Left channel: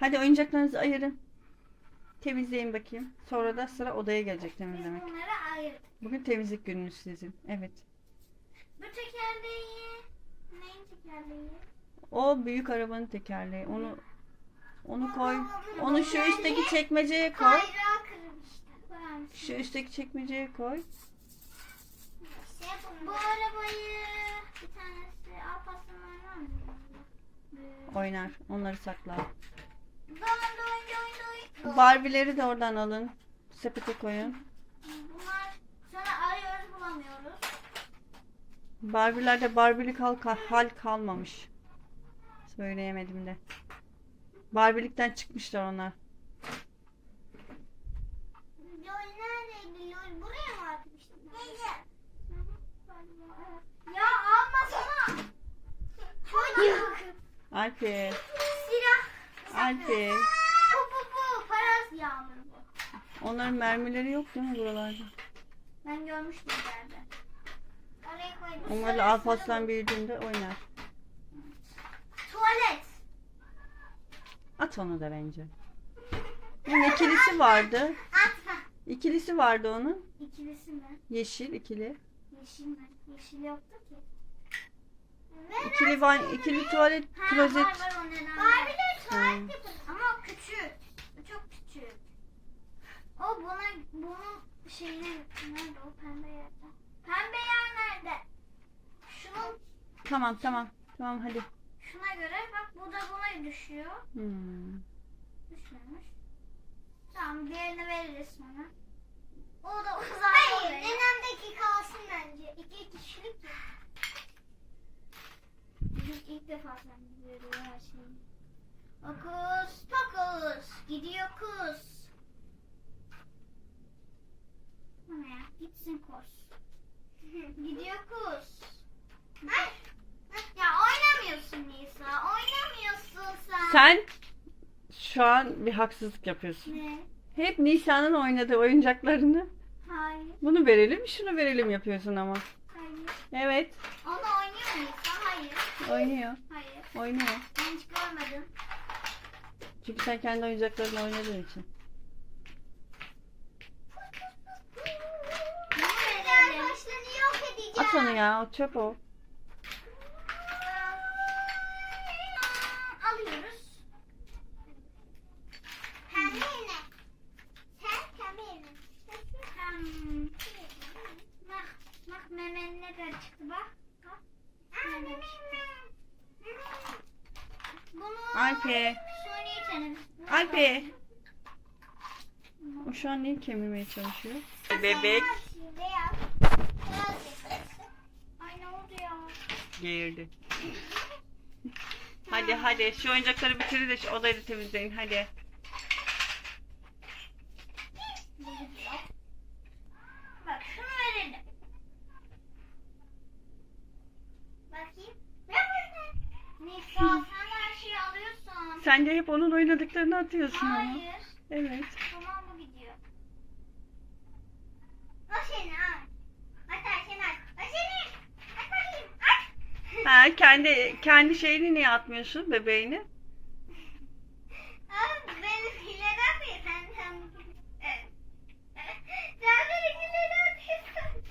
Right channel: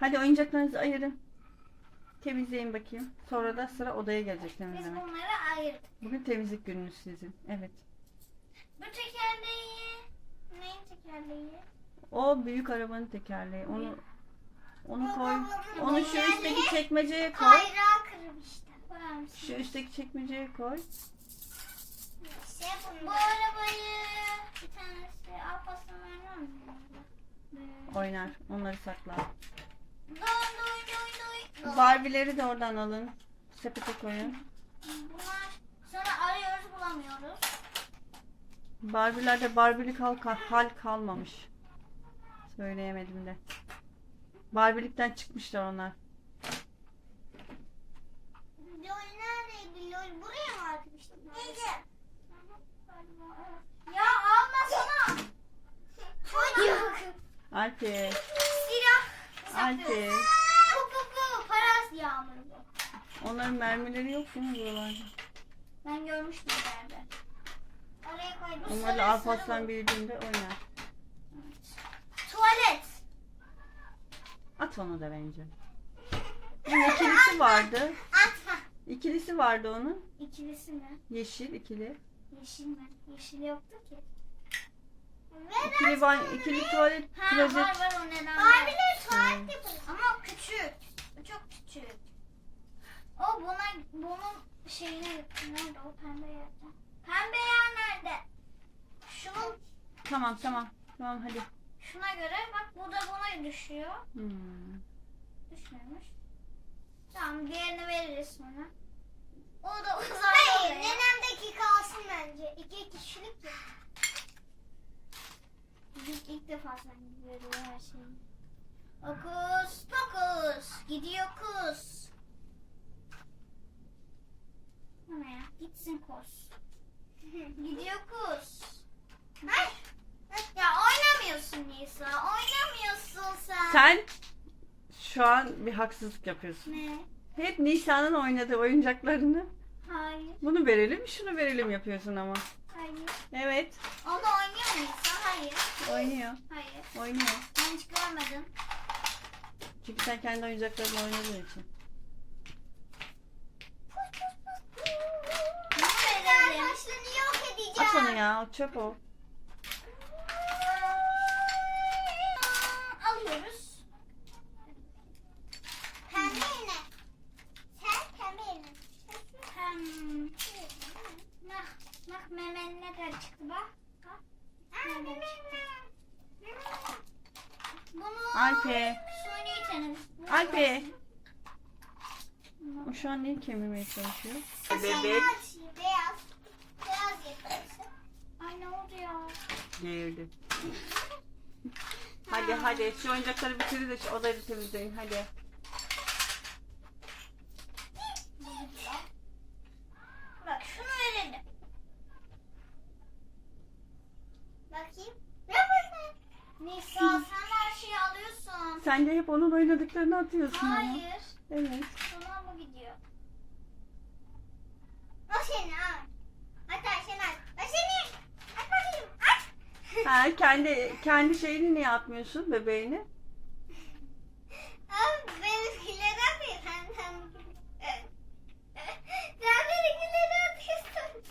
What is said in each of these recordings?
Hadi oyuncaklarınızı ayırın. Temizleyin bakayım. Sonra da sıra odaya gelecek Biz temizleme. bunları ayırdık. Bugün temizlik gününüz sizin. Evet. Bu tekerleği neyin tekerleği? O büyük arabanın tekerleği. Onu onu koy. Onu şu üstteki çekmeceye koy. Kayrağı kırmıştı. Şu üstteki çekmeceye koy. Şey bu arabayı bir tanesi Alparslan var mı? Oynar. Onları saklar. Barbie'leri de oradan alın. Sepete koyun. Bunlar sonra arıyoruz bulamıyoruz. Barbie'lerde Barbie'lik hal, hal kalmamış. Söyleyemedim de. Barbie'likten çıkmışlar onlar. Lol neredeydi? Lol buraya mı atmıştım? Neyse. Ya almasana. Çocuk. Alper. Alper. Bu bu bu. Paras yağmuru bu. Onların mermileri yok değil mi buralarda? Ben görmüştüm nerede. Oraya koydum. Sarı, Alparslan sarı. büyüdüğünde oynar. Tuvalet. At onu da bence. Bunun ikilisi vardı. Atma. İkilisi vardı onun. İkilisi mi? Yeşil ikili. Yeşil mi? Yeşil yoktu ki. İkili, ban ikili tuvalet Ha, klozet. var var o neden Barbie'ler tuvalet Hmm. yaparız. Ama o küçük. O çok küçük. O buna, bunun şeyine gitti. Nerede o pembe yerde? Pembe yer nerede? Şunun, Tamam tamam. Tamam hadi. şuna göre bak bu da buna düşüyor. Hmm. Düşmemiş. Tamam diğerini veririz sonra. O da uzak Hayır nenemdeki kalsın bence. İki kişilik ya. İlk, defa sen veriyor her şeyi. Okus pokus gidiyor kus. Bana ya gitsin kus. gidiyor kus. Hayır. Ya oynamıyorsun Nisa. Oynamıyorsun sen. Sen şu an bir haksızlık yapıyorsun. Ne? Hep Nisa'nın oynadığı oyuncaklarını Hayır. bunu verelim şunu verelim yapıyorsun ama. Hayır. Evet Onu oynuyor mu Nisa? Hayır. Oynuyor. Hayır. Oynuyor. Ben hiç görmedim. Çünkü sen kendi oyuncaklarınla oynadığın için. Bunu başlarını yok edeceğim. At onu ya o çöp o. Alıyoruz. Pembe iğne. Sen pembe iğne. Hem... Bak, bak memen ne kadar çıktı bak. Bak. Nereden çıktı? Bunu Alpe. Alpe. O şu an neyi kemirmeye çalışıyor? Bebek Beyaz. Beyaz yapıyorsun. Ay ne oldu ya? girdi. Hadi hadi şu oyuncakları bitirin de şu odayı da temizleyin hadi. Bak şunu verelim. Bakayım. Ne burada? Nisa sen her şeyi alıyorsun. Sen de hep onun oynadıklarını atıyorsun ama. Hayır. Evet. Tamam mı gidiyor? O senin al. Hatta sen. O senin. At bakayım. At. Ha kendi kendi şeyini niye atmıyorsun bebeğini? Abi benimkileri atıyor. Sen sen. Sen benimkileri atıyorsun.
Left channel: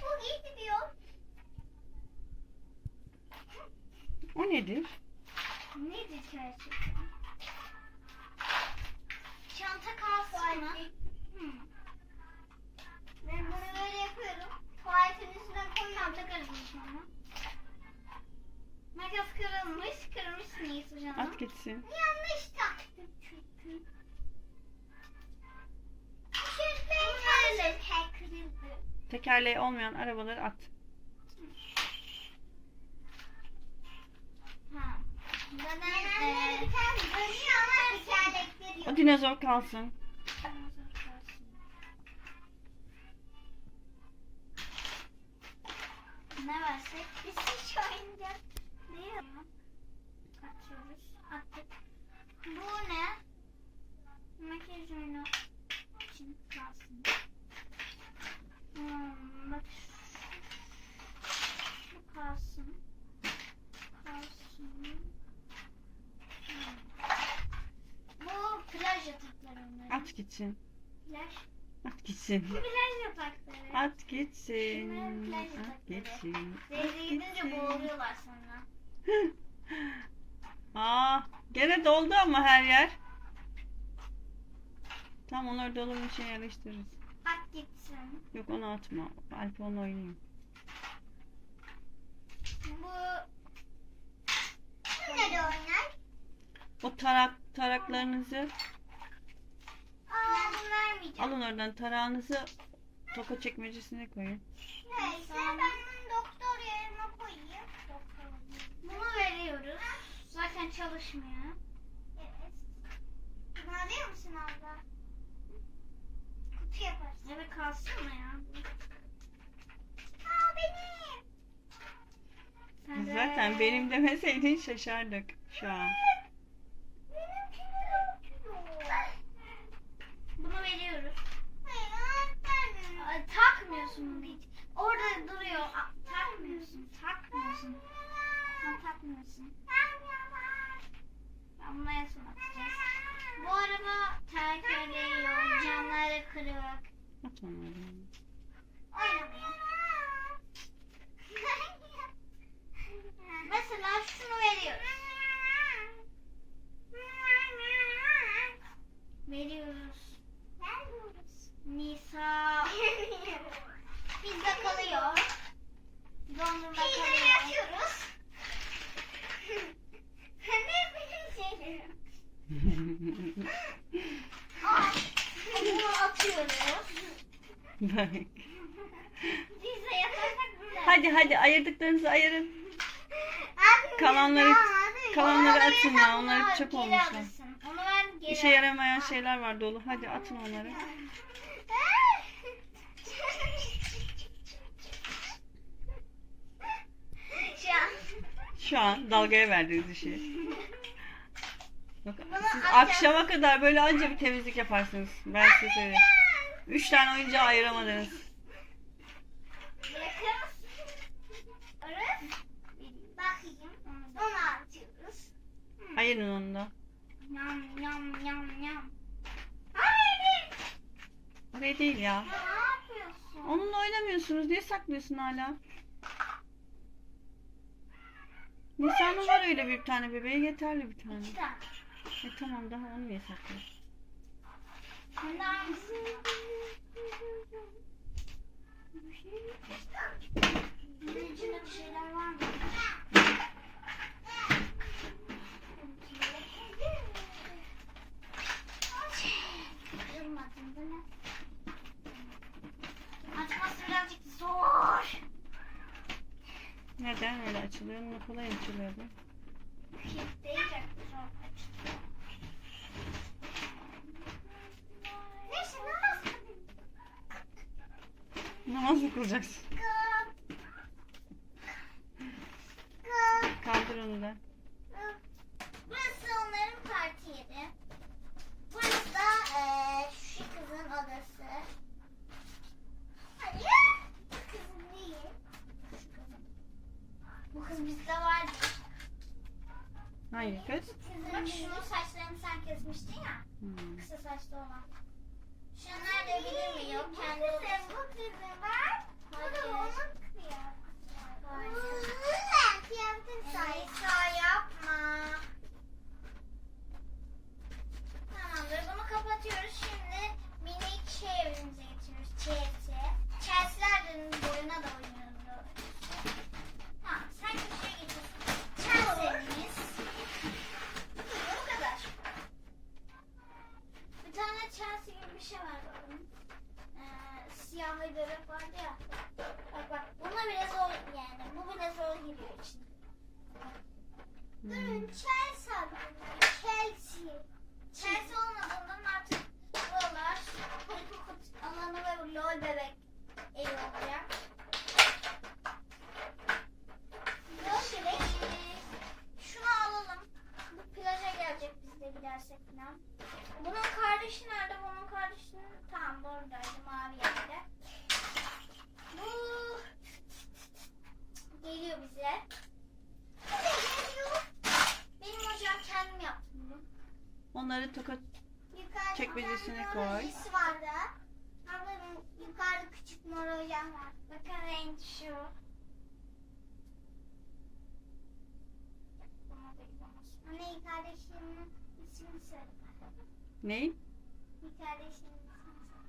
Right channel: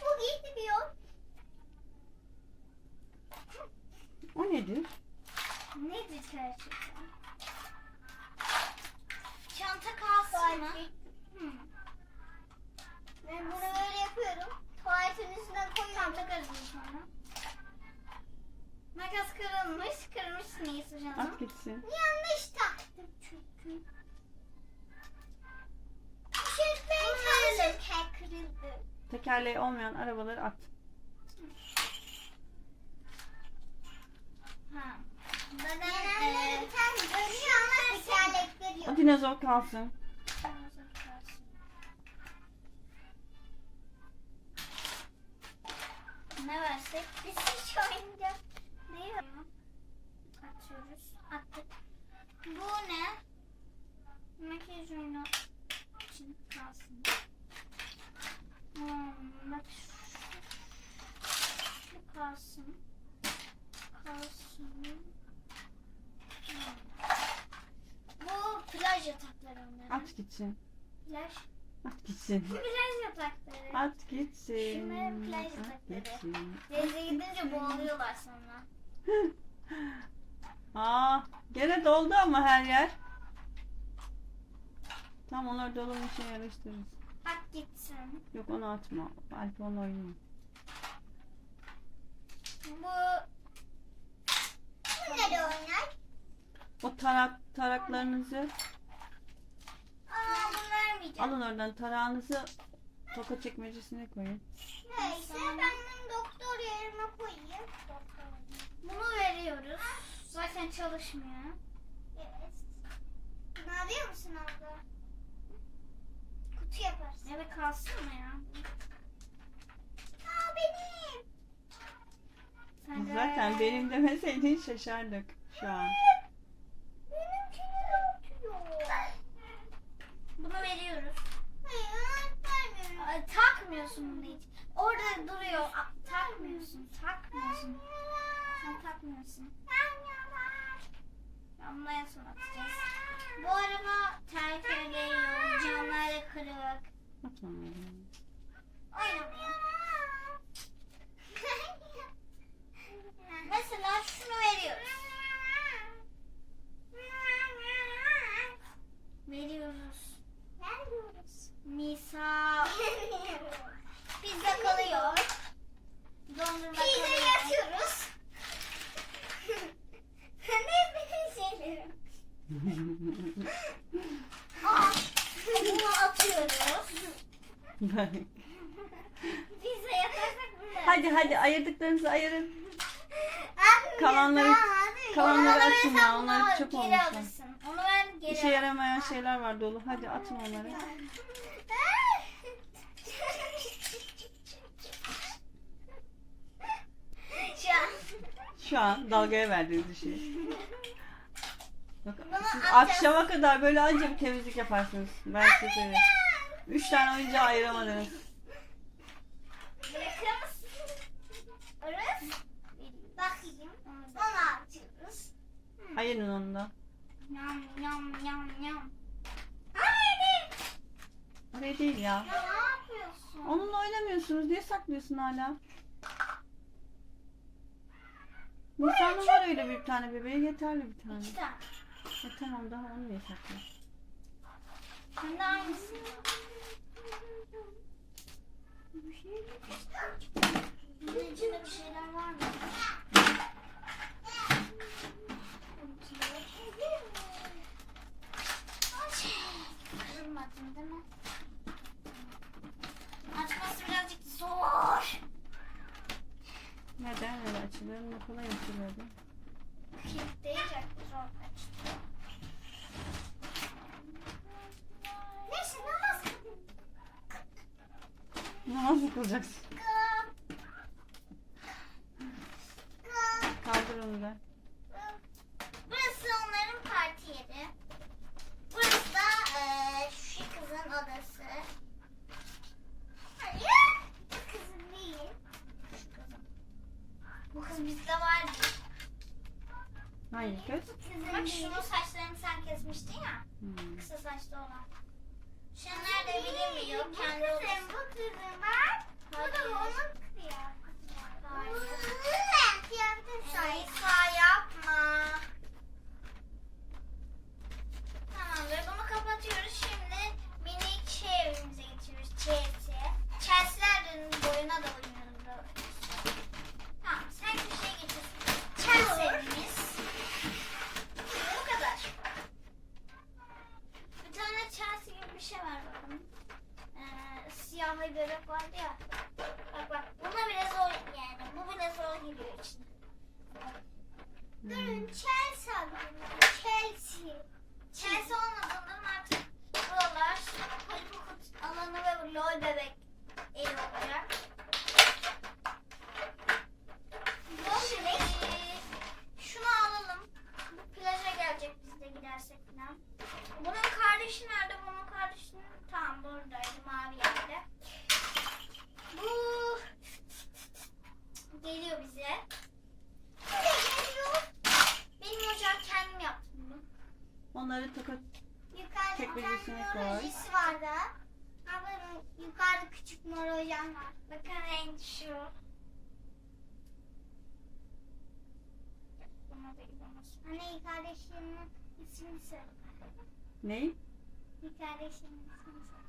Bu iyi gidiyor. O nedir? Nedir gerçekten? Çanta kalsın mı? Hmm. Ben bunu böyle yapıyorum. Tuvaletin üstüne koyuyorum. Takarım sonra. Makas kırılmış. Kırmış neyse canım. At gitsin. Yanlış taktım çünkü. Tekerleği olmayan arabaları at. Ha. Eee, bir tane dönüyor ama tekerlekleri yok. O dinozor kalsın. Ne versek? Biz hiç oyuncak değil mi? Atıyoruz. Attık. Bu ne? Makyaj oyunu için kalsın. Hmm, bak. Bu kalsın. Kalsın. Hmm. yataklar onları. At gitsin. Plaj. At gitsin. Plaj yatakları. At gitsin. Şunların plaj At gitsin. Denize gidince boğuluyorlar sonra. Aa, gene doldu ama her yer. Tam onları dolabın içine yerleştiririz. At gitsin. Yok onu atma. Alp onu oynuyor. Bu kimleri oynar? O tarak taraklarınızı alın oradan tarağınızı toka çekmecesine koyun. Neyse ben bunu doktor yerine koyayım. Bunu veriyoruz. Zaten çalışmıyor. Evet. Bunu alıyor musun abla? Kutu yaparsın. Evet kalsın mı ya? Aa benim. Sen de- Zaten benim demeseydin şaşardık şu an. Benimkiler atıyor. Bunu veriyoruz. Hayır vermiyorum. takmıyorsun bunu hiç. Orada duruyor. Aa, takmıyorsun. Takmıyorsun. Sen takmıyorsun. En son atacağız. Bu araba ediyor. Camları kırık. At onları. Oynamıyor. Mesela şunu. Veriyoruz. Veriyoruz. Nisa. Pizza kalıyor. Dondurma kalıyor. Pizzayı atıyoruz. ne benim şeylerim. Aa, bunu atıyoruz. Bak. Pizza yaparsak böyle. hadi hadi ayırdıklarınızı ayırın. Abi, Kalanları- hadi. kalanları Onları atın ya, versen onlar bunu çöp olmuşlar. Onu geri. İşe yaramayan şeyler var dolu. Hadi atın onları. Şu an. Şu an dalgaya verdiğiniz işi. Bak, siz akşama kadar böyle anca bir temizlik yaparsınız. Ben size söyleyeyim. Üç tane oyuncağı ayıramadınız. Ayırın onu da. Yam yam yam yam. Oraya değil ya. Ya ne yapıyorsun? Onunla oynamıyorsunuz. Niye saklıyorsun hala? Nisan'ın var öyle bir tane bebeği yeterli bir tane. E tamam daha onu niye saklıyorsun? Sen de aynısın. Bunun içinde bir şeyler var mı? Kırmadın değil mi? Açması birazcık zor. Neden öyle açılıyor? Onunla kolay açılıyordu. Kilitleyecek zor Namaz mı kılacaksın? Kaldır onu da. Burası onların parti yeri. Burası da eee, şu kızın odası. Hayır. Bu kızın değil. Şu kızın. Bu kız bizde vardı. Hangi kız? Bak şunun saçlarını sen kesmiştin ya. Hmm. Kısa saçlı olan. Şu nerede bilinmiyor. Kendi odası. Bu kızın var. Bu da onun kıyafeti. Hayır. Nisa yapma. Tamamdır. Bunu kapatıyoruz. Şimdi minik şey evimize getiriyoruz. Chelsea. Chelsea'lerin boyuna da oynuyoruz. böyle. Tamam. Sen köşeye geçiyorsun. Chelsea evimiz. Bu kadar. Bir tane Chelsea gibi bir şey var bakın. Ee, siyah bir bebek vardı ya. Bak bak. Buna bile zor yani. Bu bile zor giriyor içine. Hmm. Chelsea Chelsea. Chelsea olmadığından artık buralar Hollywood alanı ve LOL bebek evi olacak. Şimdi şunu alalım. Bu plaja gelecek biz de gidersek falan. Bunun kardeşi nerede? Bunun kardeşinin tam buradaydı mavi yerde. Bu geliyor bize. Bu da geliyor. Benim ocağı kendim yaptım. bunu. Onları toka Yukarıda Çekmecesine koy. morojisi vardı. Ablanın yukarıda küçük morojan var. Bakın renk şu. Anne kardeşinin ismini söyle. Ney? Bir kardeşinin ismini söyle.